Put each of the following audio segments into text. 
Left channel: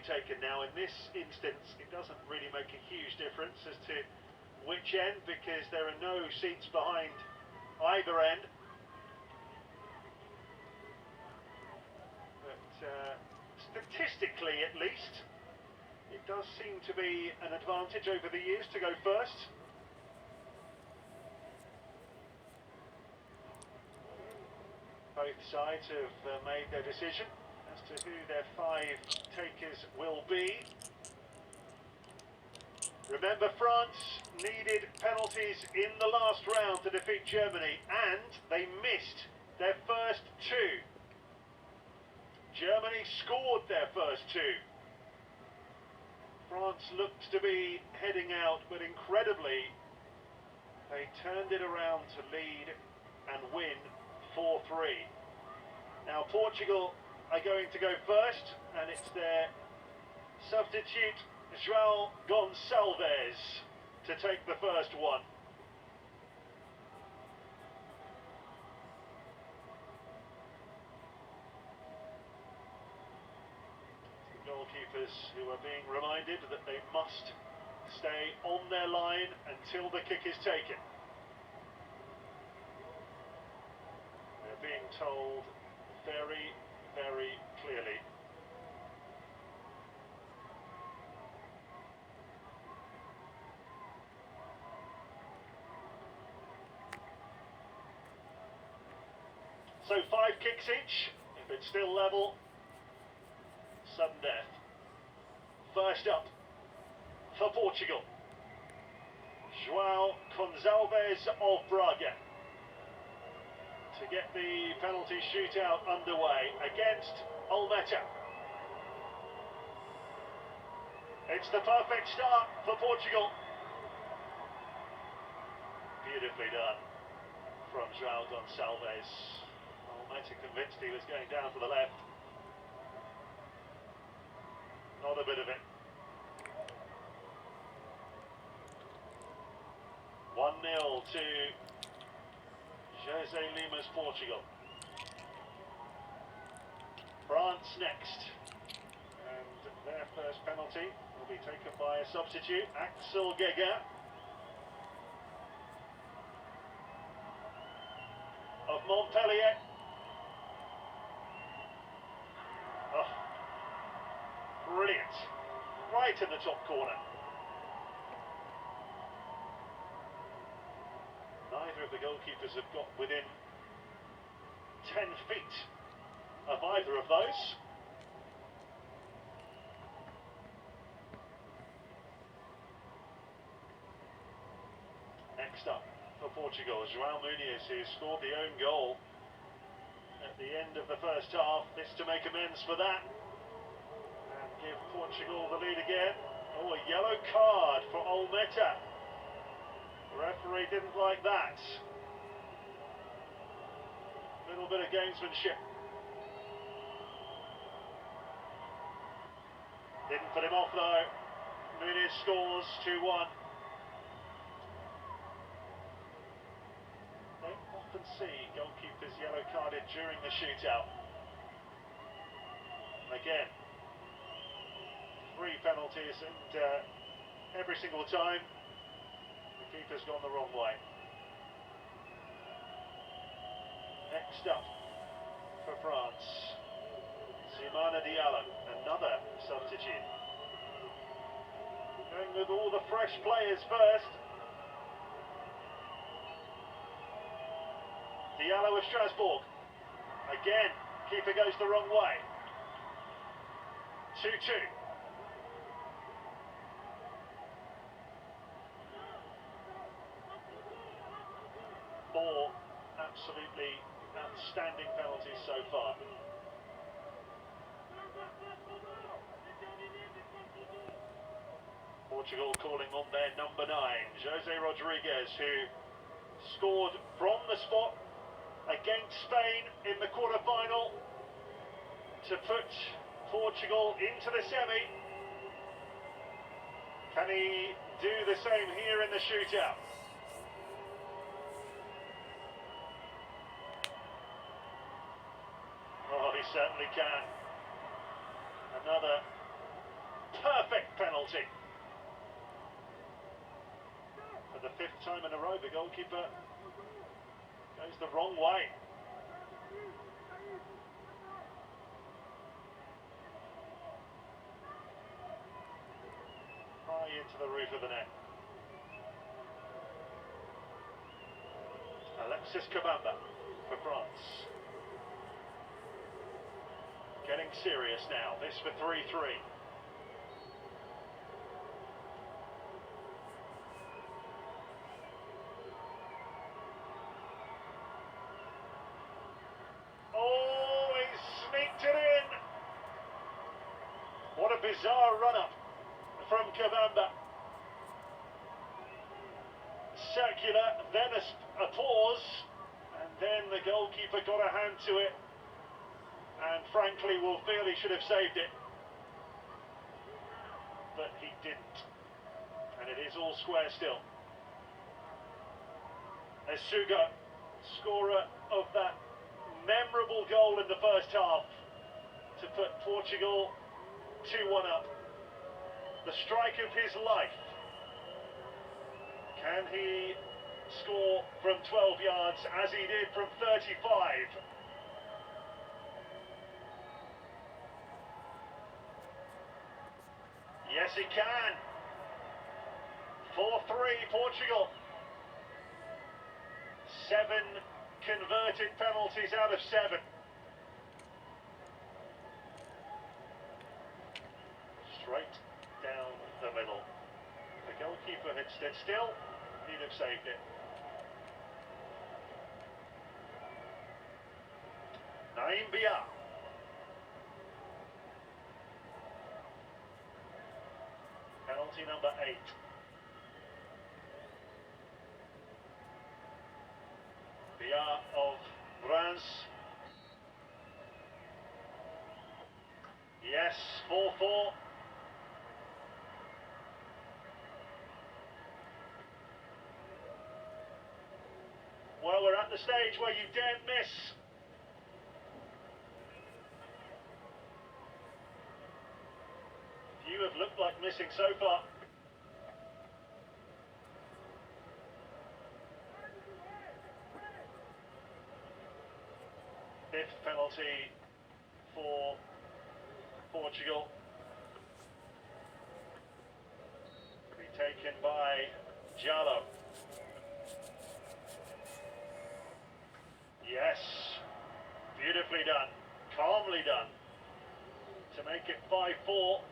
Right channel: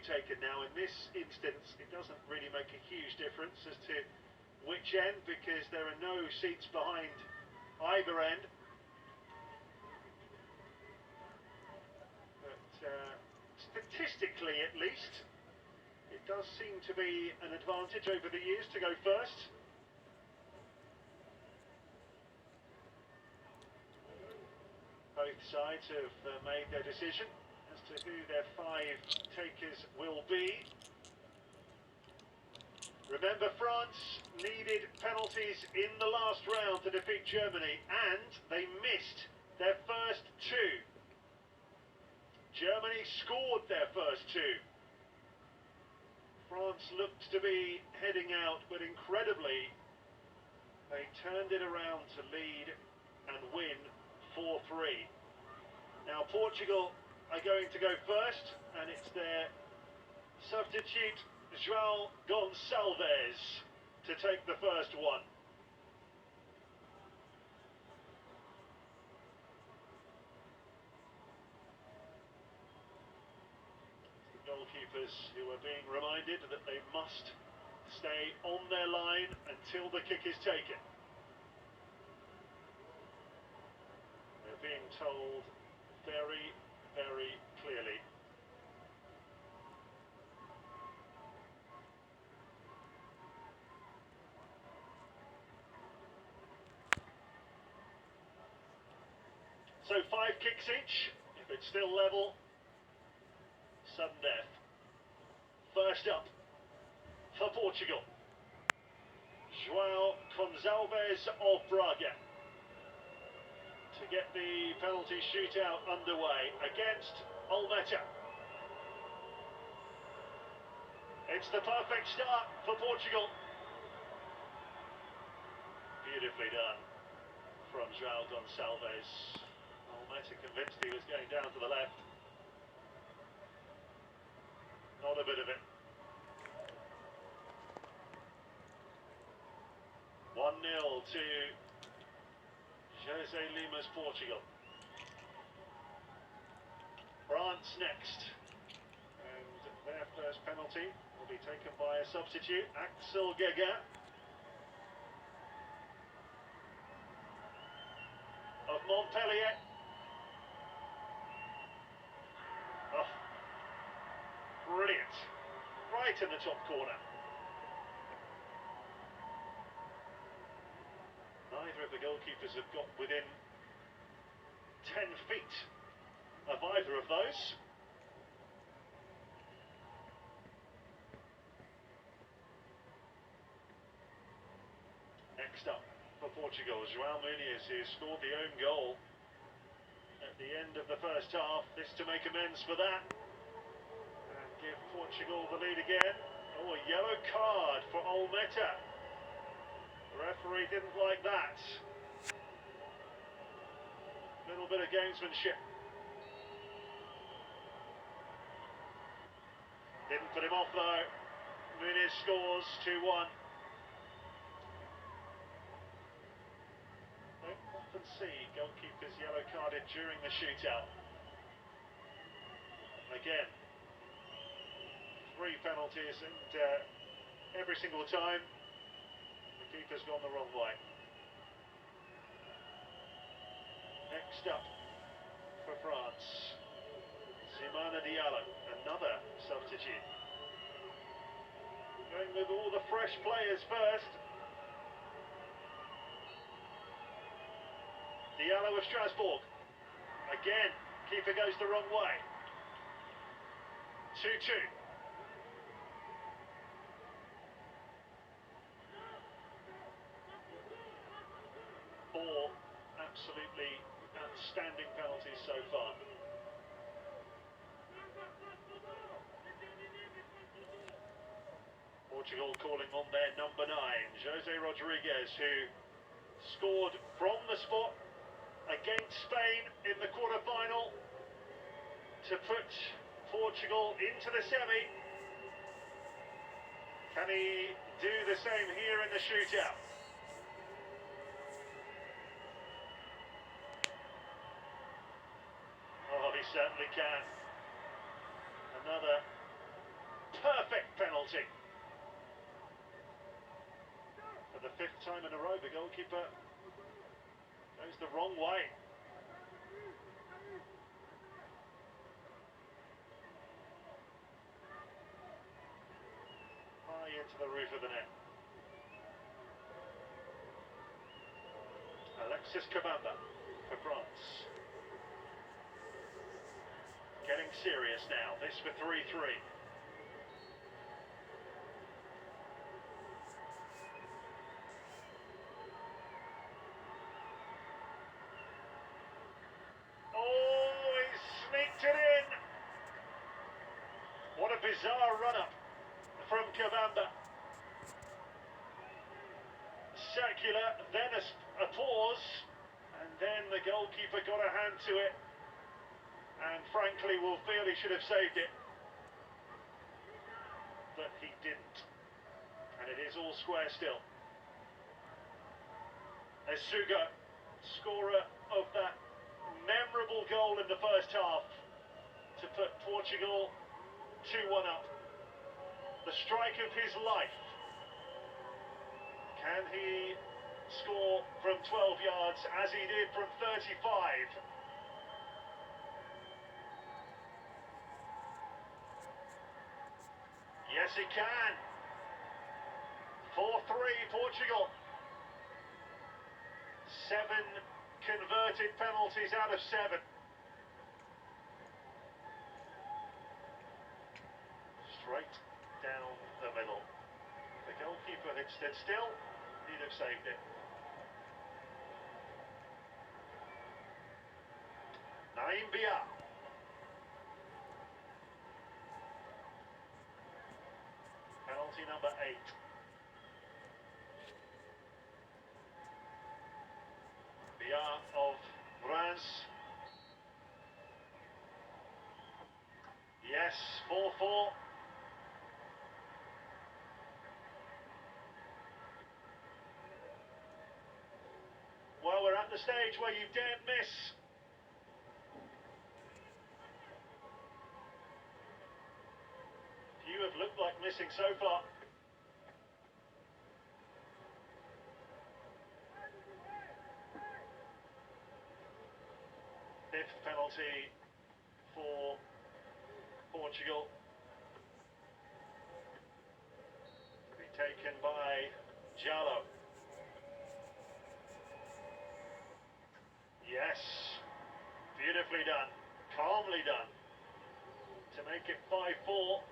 be taken now. In this instance, it doesn't really make a huge difference as to which end, because there are no seats behind either end. But statistically, at least, it does seem to be an advantage over the years to go first. Both sides have made their decision as to who their 5 takers will be. Remember, France needed penalties in the last round to defeat Germany, and they missed their first 2. Germany scored their first 2. France looked to be heading out, but incredibly, they turned it around to lead and win 4-3. Now Portugal are going to go first, and it's their substitute João Gonçalves to take the first one. The goalkeepers who are being reminded that they must stay on their line until the kick is taken. They're being told very, very clearly. So 5 kicks each. If it's still level, sudden death. First up for Portugal, João Gonçalves of Braga, to get the penalty shootout underway against Almeta. It's the perfect start for Portugal. Beautifully done from João Gonçalves. Almeta convinced he was going down to the left. Not a bit of it. 1-0 to Jose Lima's Portugal. France next. And their first penalty will be taken by a substitute, Axel Gega of Montpellier. Oh, brilliant. Right in the top corner. Neither of the goalkeepers have got within 10 feet of either of those. Next up for Portugal, João Muniz, who scored the own goal at the end of the first half. This to make amends for that and give Portugal the lead again. Oh, a yellow card for Almeta. The referee didn't like that. Little bit of gamesmanship. Didn't put him off though. Muniz scores 2-1. Don't often see goalkeepers yellow carded during the shootout. Again, 3 penalties, and every single time keeper's gone the wrong way. Next up for France, Simona Diallo, another substitute. Going with all the fresh players first. Diallo of Strasbourg. Again, keeper goes the wrong way. 2-2. Four absolutely outstanding penalties so far. Portugal calling on their number 9, Jose Rodriguez, who scored from the spot against Spain in the quarter-final to put Portugal into the semi. Can he do the same here in the shootout? Oh, he certainly can. Another penalty. For the 5th time in a row, the goalkeeper goes the wrong way. High into the roof of the net. Alexis Kabamba for France. Getting serious now, this for 3-3. Oh, he sneaked it in! What a bizarre run-up from Kabamba. Circular, then a pause, and then the goalkeeper got a hand to it, and frankly will feel he should have saved it, but he didn't, and it is all square still. Esugo, scorer of that memorable goal in the first half to put Portugal 2-1 up. The strike of his life. Can he score from 12 yards as he did from 35? Yes, he can. 4-3 Portugal. 7 converted penalties out of 7. Straight down the middle. The goalkeeper had stood still, he'd have saved it. Naim Bia. Penalty number 8. Bia of France. Yes, 4-4. Well, we're at the stage where you daren't miss. Few have looked like missing so far. Fifth penalty for Portugal. To be taken by Jallo. Yes, beautifully done, calmly done, to make it 5-4.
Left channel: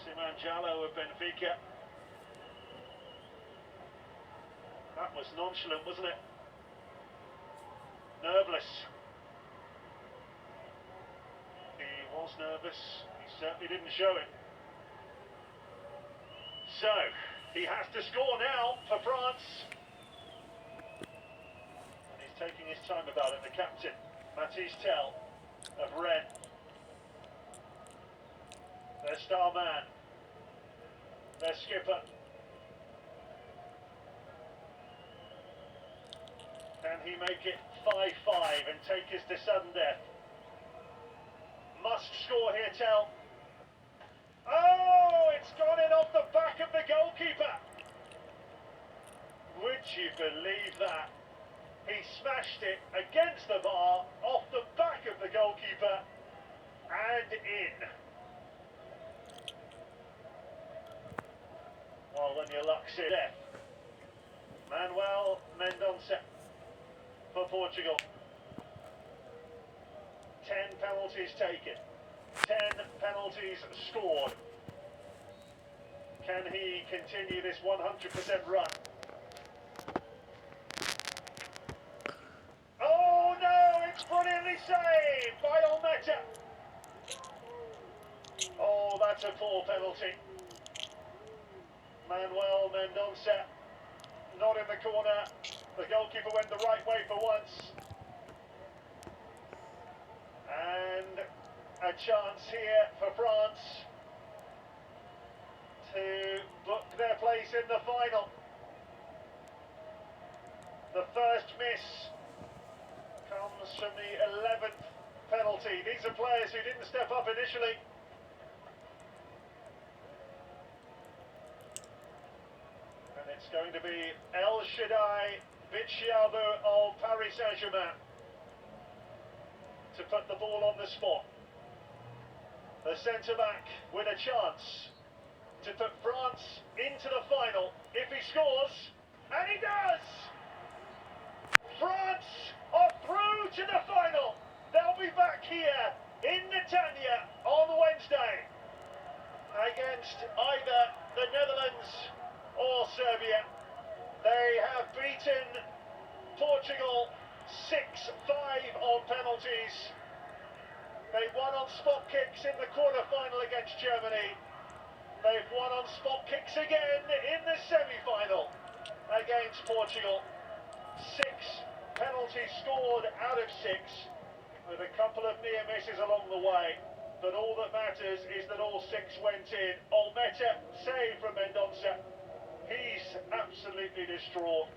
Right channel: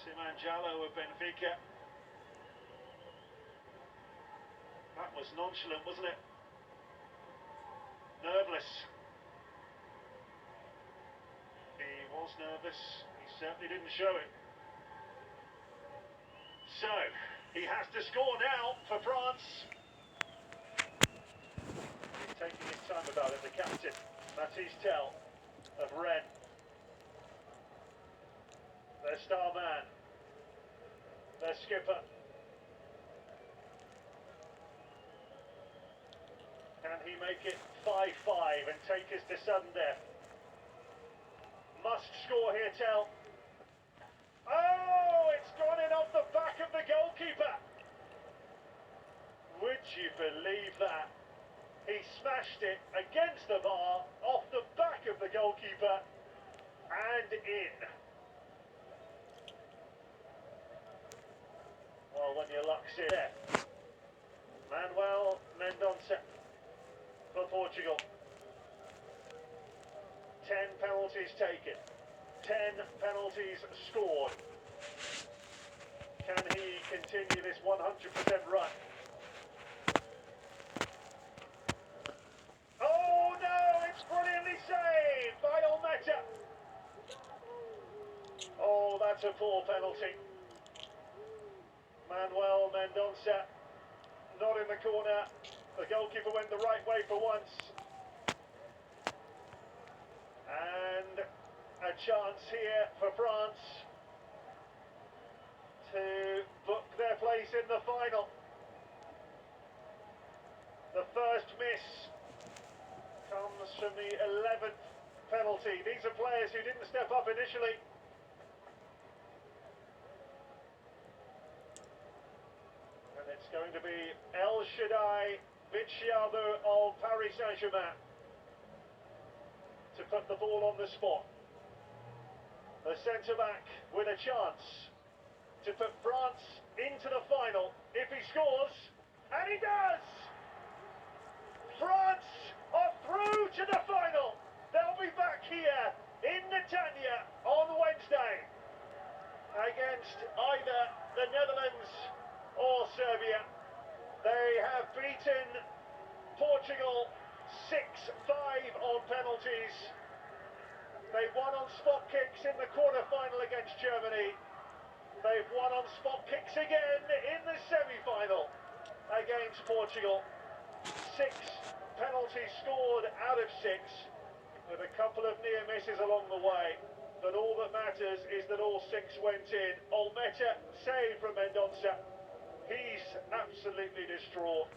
Simon Jallo of Benfica. That was nonchalant, wasn't it? Nerveless. He was nervous, he certainly didn't show it. So, he has to score now for France. Taking his time about it, the captain, Matisse Tell of Rennes. Their star man, their skipper. Can he make it 5-5 and take us to sudden death? Must score here, Tell. Oh, it's gone in off the back of the goalkeeper. Would you believe that? He smashed it against the bar, off the back of the goalkeeper, and in. Well, when your luck's in there. Manuel Mendonça for Portugal. 10 penalties taken. 10 penalties scored. Can he continue this 100% run? Brilliantly saved by Olmeta. Oh, that's a poor penalty. Manuel Mendonça not in the corner. The goalkeeper went the right way for once. And a chance here for France to book their place in the final. The first miss comes from the 11th penalty. These are players who didn't step up initially. It's going to be El Shaddai Bitshiabu of Paris Saint-Germain to put the ball on the spot. The centre-back with a chance to put France into the final if he scores, and he does! France are through to the final. They'll be back here in Netanya on Wednesday against either the Netherlands or Serbia. They have beaten Portugal 6-5 on penalties. They won on spot kicks in the quarter-final against Germany. They've won on spot kicks again in the semi-final against Portugal. 6 penalties scored out of 6, with a couple of near misses along the way. But all that matters is that all 6 went in. Olmeta saved from Mendonça. He's absolutely distraught.